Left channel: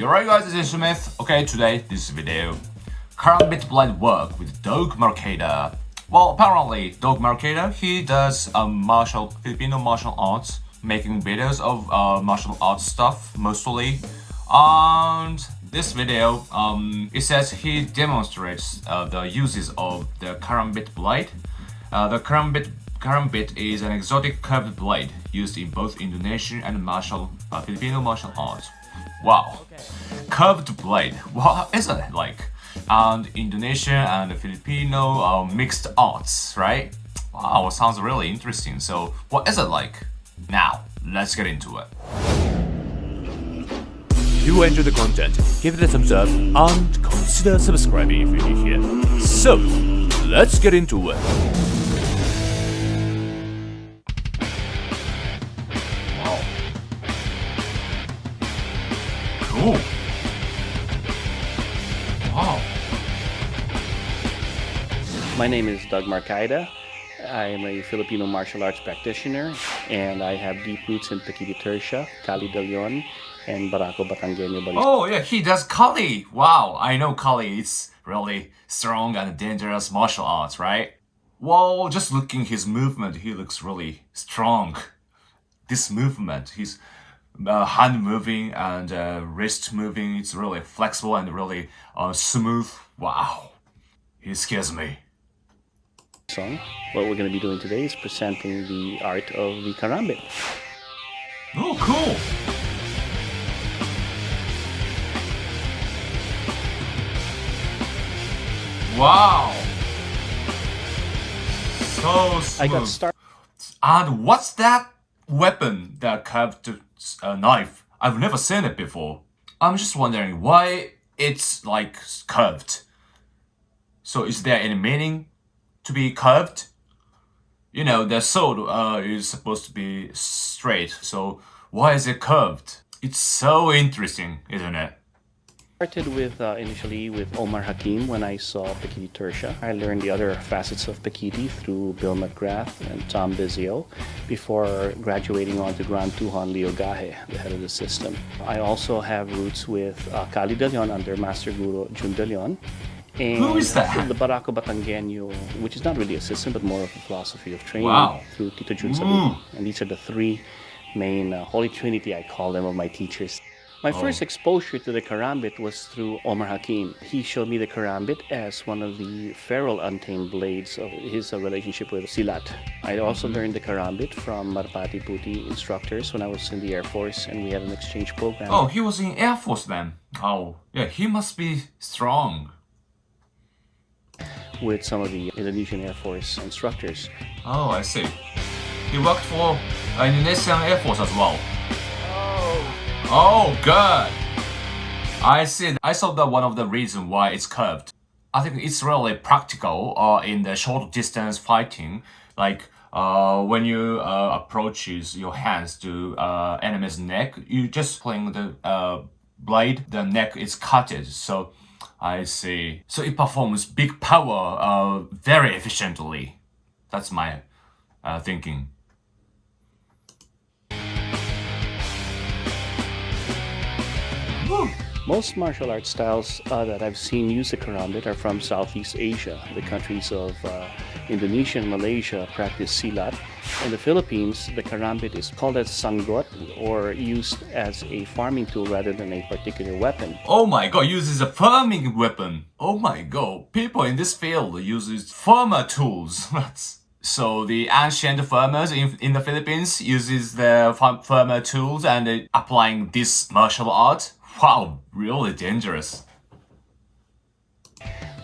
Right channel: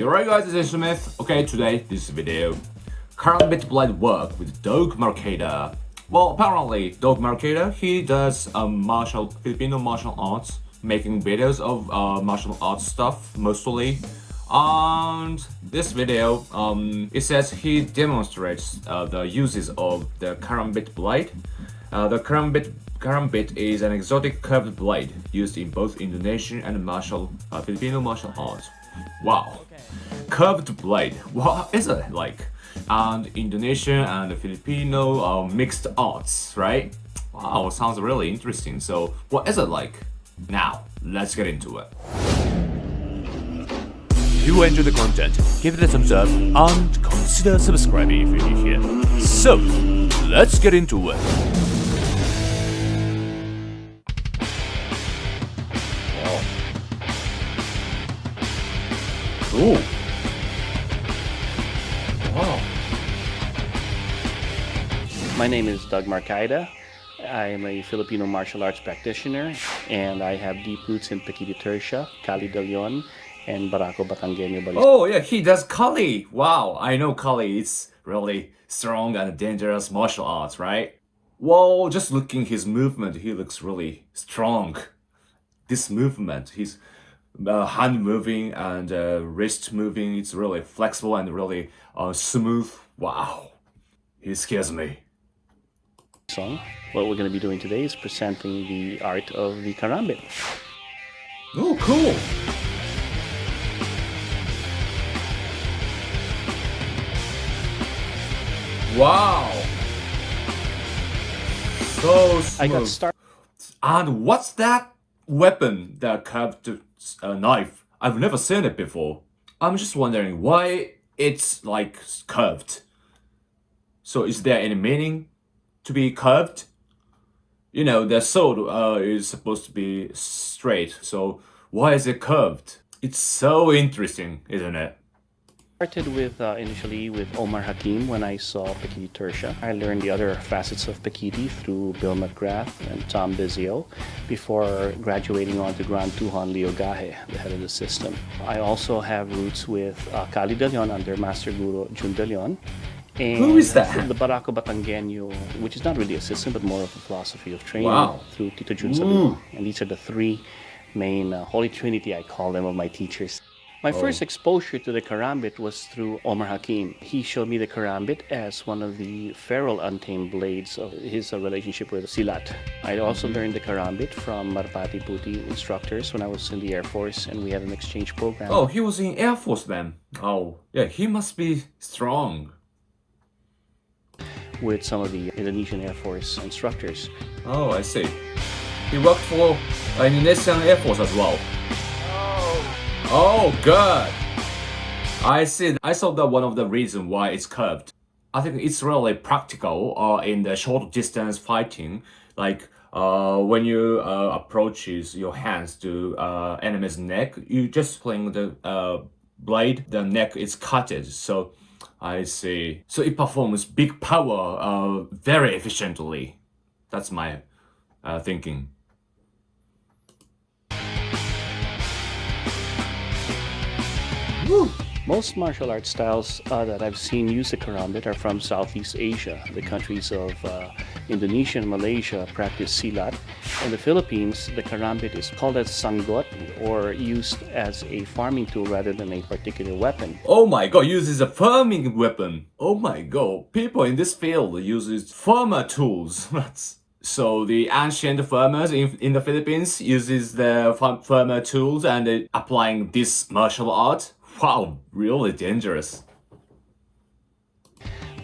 You're right guys, it's Smith. Okay, today, this video, Karambit blind work with Doug Marcaida. Well, apparently, Doug Marcaida, he does Filipino martial arts, making videos of martial arts stuff, mostly. And this video, it says he demonstrates the uses of the Karambit blade. The Karambit is an exotic curved blade used in both Indonesian and Filipino martial arts. Wow, okay. Curved blade. What is it like? And Indonesian and Filipino mixed arts, right? Wow, sounds really interesting. So, what is it like? Now, let's get into it. If you enjoy the content, give it a thumbs up and consider subscribing if you're new here. So, let's get into it. Ooh. Oh. My name is Doug Marcaida. I am a Filipino martial arts practitioner, and I have deep roots in Pequiti Tercia, Cali de Leon, and Barako Batangueño Balisco. Oh yeah, he does Kali. Wow, I know Kali. It's really strong and dangerous martial arts, right? Well, just looking his movement, he looks really strong. This movement, his hand moving and wrist moving, it's really flexible and really smooth. Wow, he scares me. So, what we're going to be doing today is presenting the art of the Karambit. Oh, cool. Wow. So smooth. I got started. And what's that weapon, that curved knife? I've never seen it before. I'm just wondering why it's like curved. So is there any meaning to be curved? You know, the sword is supposed to be straight, so why is it curved? It's so interesting, isn't it? Started with initially with Omar Hakim when I saw Pequiti Tercia. I learned the other facets of Pequiti through Bill McGrath and Tom Bizio before graduating on to Grand Tuhan Leo Gahe, the head of the system. I also have roots with Cali de Leon under Master Guru Jun de Leon. And who is that? The Barako Batangueño, which is not really a system but more of a philosophy of training. Wow. Through Tito Jun Saludo. And these are the three main Holy Trinity, I call them, of my teachers. My first exposure to the Karambit was through Omar Hakim. He showed me the Karambit as one of the feral untamed blades of his relationship with Silat. I also learned the Karambit from Marpati Puti instructors when I was in the Air Force, and we had an exchange program. Oh, he was in Air Force then. Oh, yeah, he must be strong. With some of the Indonesian Air Force instructors. Oh, I see. He worked for Indonesian Air Force as well. Oh, good. I see. I saw that one of the reasons why it's curved. I think it's really practical in the short distance fighting. Like when you approaches your hands to enemy's neck, you just cling the blade. The neck is cutted. So I see. So it performs big power very efficiently. That's my thinking. Most martial arts styles that I've seen use the Karambit are from Southeast Asia. The countries of Indonesia and Malaysia practice Silat. In the Philippines, the Karambit is called as sanggot or used as a farming tool rather than a particular weapon. Oh my god, uses a farming weapon. Oh my god, people in this field uses farmer tools. So the ancient farmers in the Philippines uses the farmer tools and applying this martial art. Wow, really dangerous.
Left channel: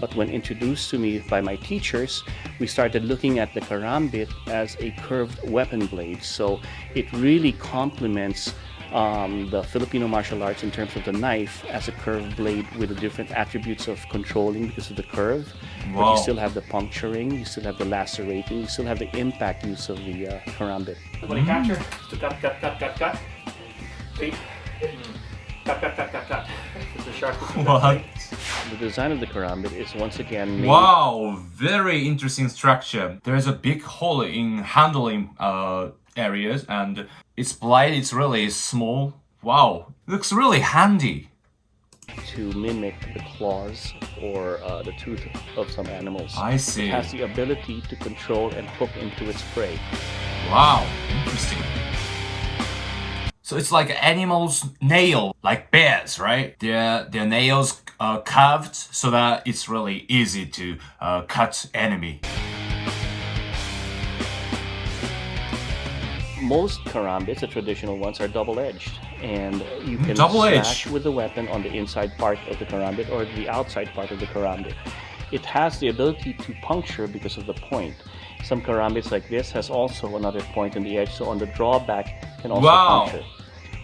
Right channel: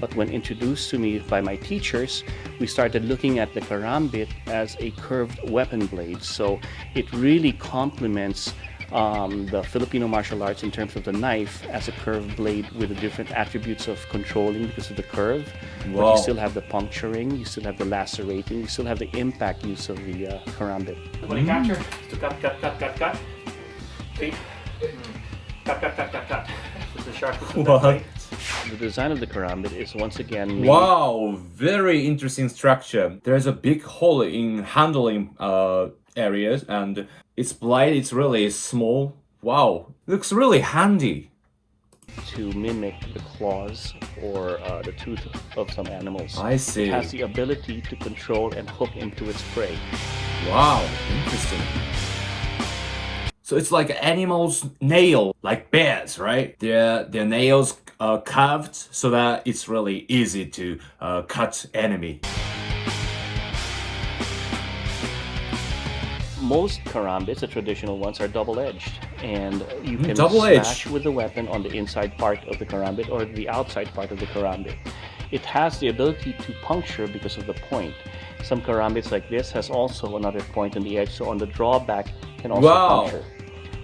But when introduced to me by my teachers, we started looking at the Karambit as a curved weapon blade. So it really complements the Filipino martial arts in terms of the knife as a curved blade with the different attributes of controlling because of the curve. Wow. But you still have the puncturing, you still have the lacerating, you still have the impact use of the Karambit. When you capture, to cut. See? Cut. This is sharpness of that blade. The design of the Karambit is once again made. Wow, very interesting structure. There's a big hole in handling areas and its blade is really small. Wow, looks really handy. to mimic the claws or the tooth of some animals. I see. It has the ability to control and hook into its prey. Wow, interesting. So it's like animals' nail, like bears, right? Their nails are curved so that it's really easy to cut enemy. Most karambits, the traditional ones, are double-edged, and you can Double-edged. slash with the weapon on the inside part of the karambit or the outside part of the karambit. It has the ability to puncture because of the point. Some karambits like this has also another point in the edge, so on the drawback can also Wow. puncture.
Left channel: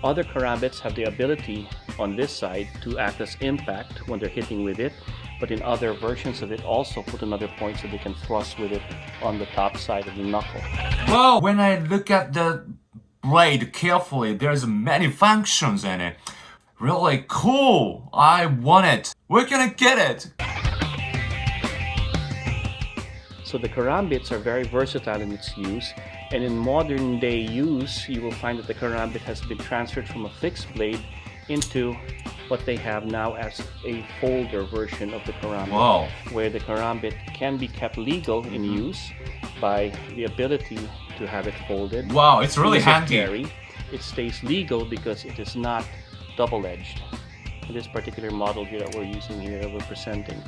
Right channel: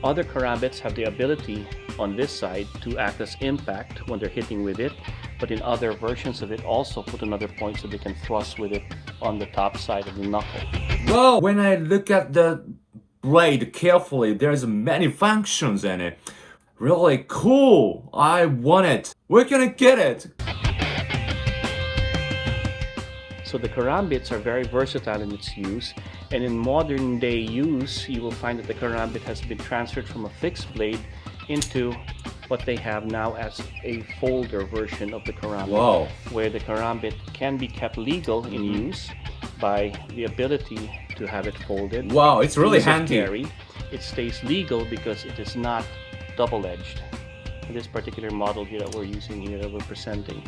Other karambits have the ability on this side to act as impact when they're hitting with it, but in other versions of it also put another point so they can thrust with it on the top side of the knuckle. Well, when I look at the blade carefully, there's many functions in it. Really cool. I want it. Where can I get it? So the karambits are very versatile in its use, and in modern day use, you will find that the karambit has been transferred from a fixed blade into what they have now as a folder version of the karambit, Wow. where the karambit can be kept legal in use by the ability to have it folded. Wow, it's really Ease of handy. carry. It stays legal because it is not double-edged. This particular model here that we're using here, that we're presenting.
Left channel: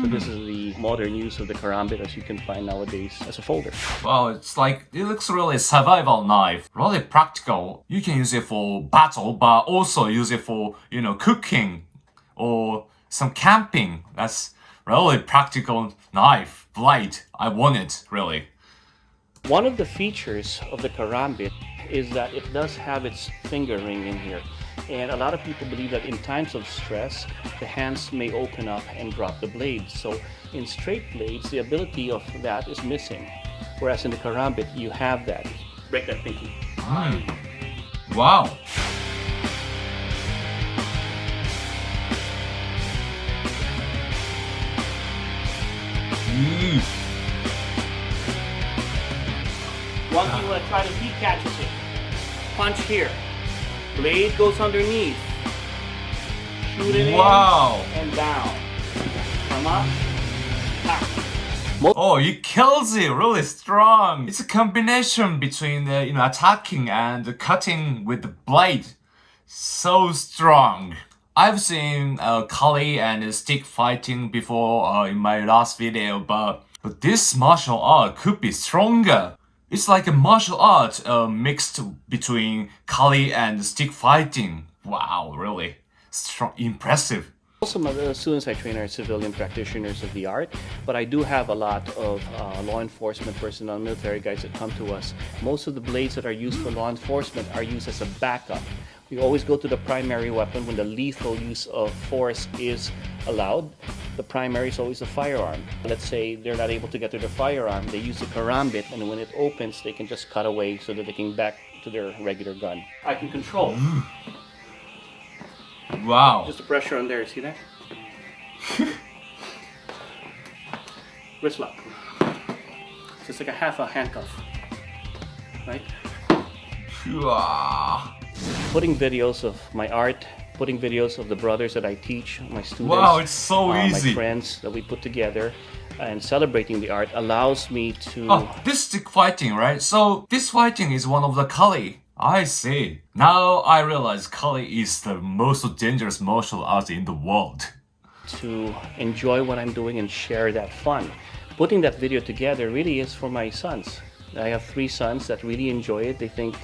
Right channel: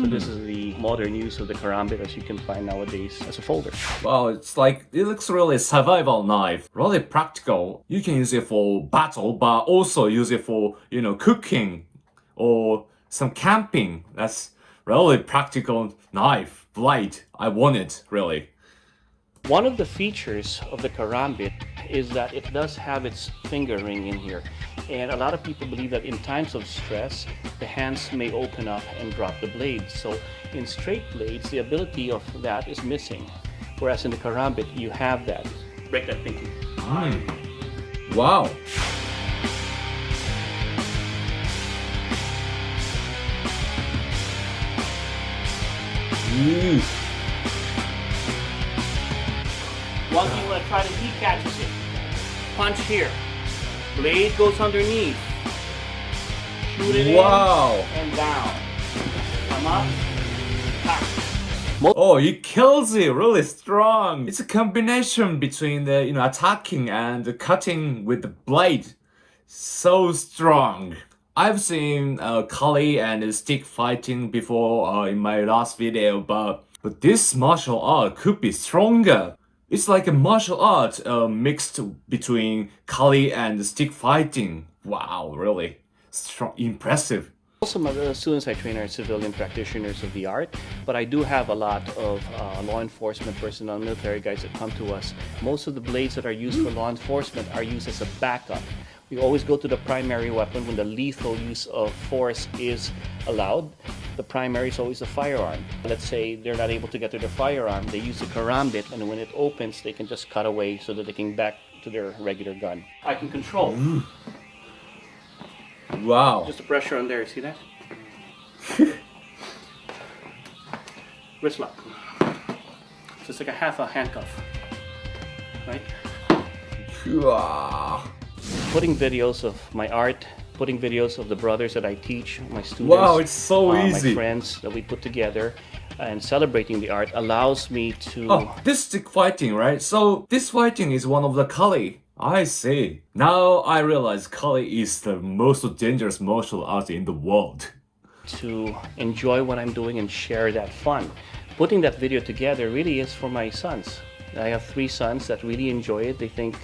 So this is the modern use of the karambit as you can find nowadays as a folder. Wow, it's like, it looks really survival knife. Really practical. You can use it for battle, but also use it for, cooking or some camping. That's really practical knife, blade. I want it, really. One of the features of the karambit is that it does have its finger ring in here. And a lot of people believe that in times of stress, the hands may open up and drop the blades. So in straight blades, the ability of that is missing. Whereas in the karambit, you have that. Break that pinky. Wow. Ooh. Once you want to try to, he catches it. Punch here. Blade goes underneath. Shoot it Wow. in and down. Come up. Ha. Oh, it kills it really strong. It's a combination between the attacking and cutting with the blade. So strong. I've seen Kali and stick fighting before in my last video, but this martial art could be stronger. It's like a martial art mixed between Kali and stick fighting. Wow, really strong, impressive. Most of my students I train are civilian practitioners of the art, but I do have a lot of law enforcement personnel, military guys that come to us. Most of the blades that are used for law enforcement are used as a backup. We always go to the primary weapon when the lethal use of force is allowed. The primary is always a firearm. Let's say they're not able to get to their firearm, they use the karambit, and when it opens, they can just cut away so that they can back to their regular gun. I can control. Wow. Just the pressure on there, see that? Wrist lock. So it's like a half a handcuff, right? Wow. Putting videos of my art, putting videos of the brothers that I teach, my students, Wow, it's so easy. my friends that we put together, and celebrating the art allows me to... Oh, this stick fighting, right? So this fighting is one of the Kali. I see. Now I realize Kali is the most dangerous martial art in the world. to enjoy what I'm doing and share that fun. Putting that video together really is for my sons. I have 3 sons that really enjoy it. They think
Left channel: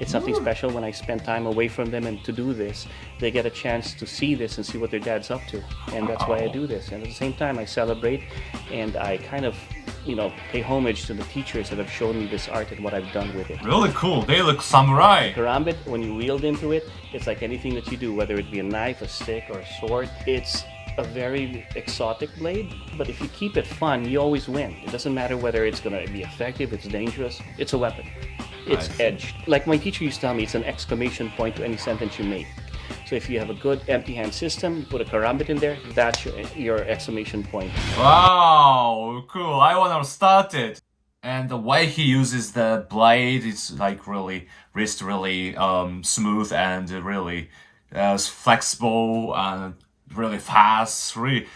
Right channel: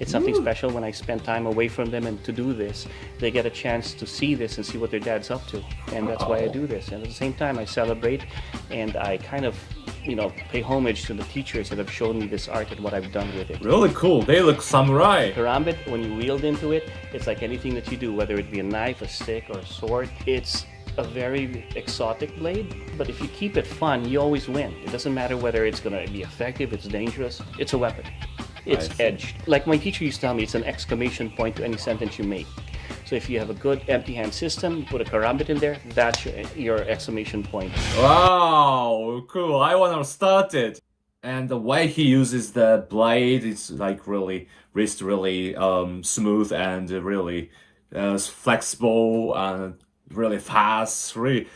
it's something special when I spend time away from them, and to do this, they get a chance to see this and see what their dad's up to. And that's why I do this. And at the same time, I celebrate and I kind of, pay homage to the teachers that have shown me this art and what I've done with it. Really cool. They look samurai. Karambit, when you wield into it, it's like anything that you do, whether it be a knife, a stick, or a sword. It's a very exotic blade, but if you keep it fun, you always win. It doesn't matter whether it's going to be effective, it's dangerous, it's a weapon. It's edged. Like my teacher used to tell me, it's an exclamation point to any sentence you make. So if you have a good empty hand system, you put a karambit in there, that's your exclamation point. Wow, cool. I want to start it. And the way he uses the blade is like really smooth and really flexible. really fast, really.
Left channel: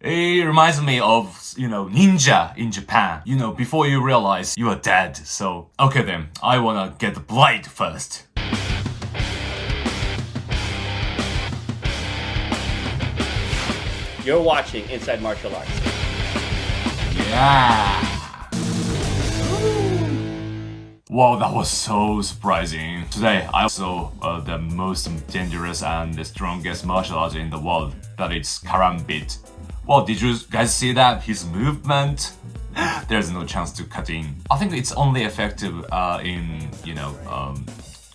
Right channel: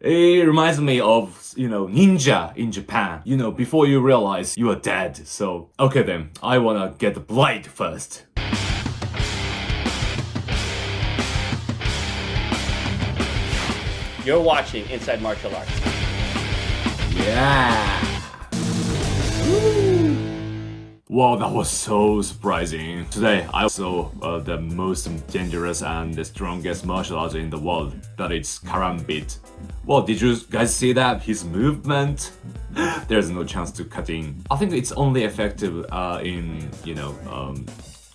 It reminds me of, ninja in Japan. Before you realize you are dead. So, okay then, I wanna get the blade first. You're watching Inside Martial Arts. Yeah. Wow, that was so surprising. Today, I saw the most dangerous and the strongest martial art in the world. That is Karambit. Well, did you guys see that? His movement? There's no chance to cut in. I think it's only effective in,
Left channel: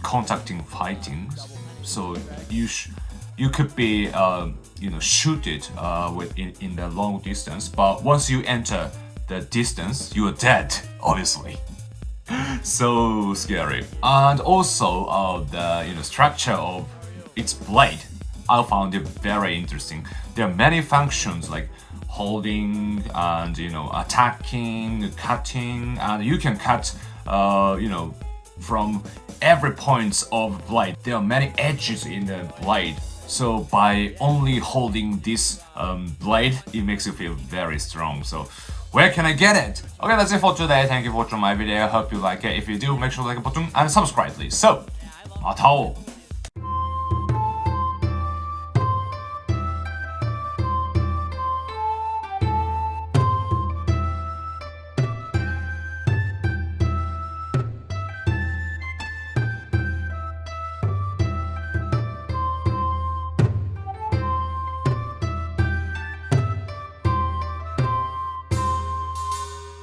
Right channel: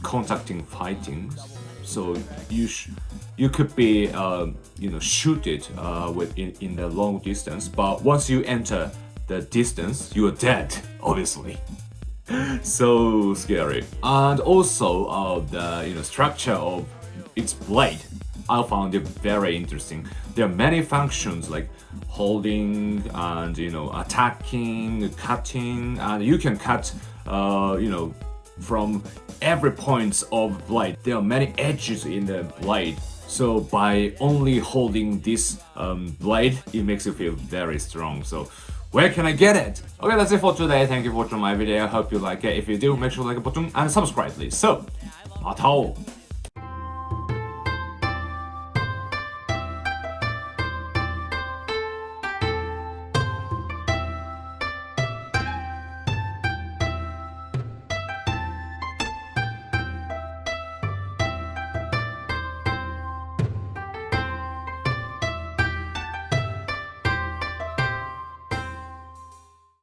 contacting fighting. So you could be, shoot it in the long distance. But once you enter the distance, you are dead, obviously. So scary. And also the structure of its blade, I found it very interesting. There are many functions like holding and attacking, cutting, and you can cut from every point of blade. There are many edges in the blade. So by only holding this blade, it makes you feel very strong. So where can I get it? Okay, that's it for today. Thank you for watching my video. I hope you like it. If you do, make sure to like the button and subscribe, please. So, また会おう